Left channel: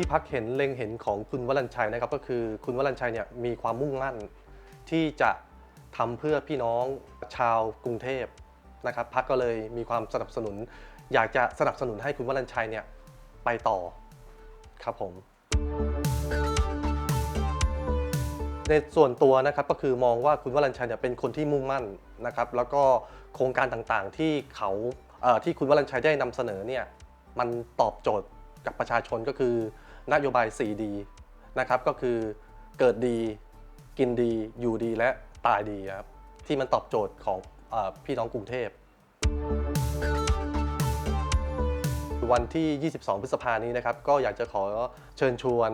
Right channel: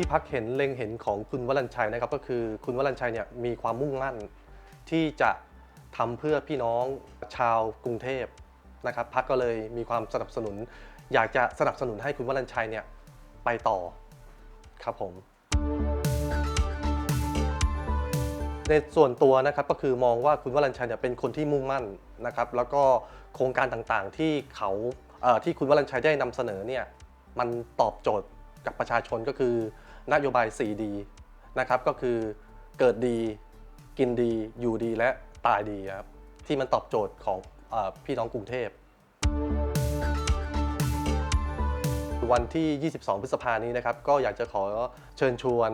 ที่พักเห็นเล็งเห็นของคุณวรัญชัยนะครับก็คือคุณวรัญชัยเนี่ยมีความมุ่งมั่น ที่จะทำเพื่อพี่น้องชาวกรุงเทพนะครับพักก็เลยมีความสนับสนุน อยากจะสนับสนุนให้คุณวรัญชัยเนี่ยไปต่อครับผมในส่วนตัวนะครับก็คือมองว่าคุณวรัญชัยเนี่ยเป็นคนที่มุ่งมั่นนะครับ แล้วก็โครงการต่างๆที่เขาที่คุณวรัญชัยได้นำเสนอเนี่ยมันตอบโจทย์ กับประชาชนก็คือนโยบาย 4D นะครับก็คือเกิดดีกินดีอยู่ดีและตายดีครับที่มันตอบโจทย์ของออพี่น้องกรุงเทพ วันที่ 22 พฤษภานี้นะครับ ก็อยากจะขอเชิญชวน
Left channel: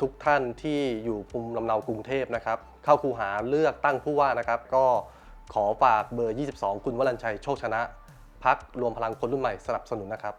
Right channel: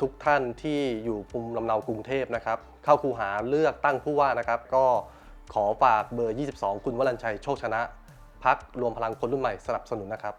ทุกท่านที่อยู่ภูมิลำเนากรุงเทพนะครับ เข้าคูหาเลือกตั้งผู้ว่านะครับ ก็ขอฝากเบอร์ 22 คุณวรัญชัยโชคชนะพักรวมพลังคนรุ่นใหม่สนับสนุนนะครับ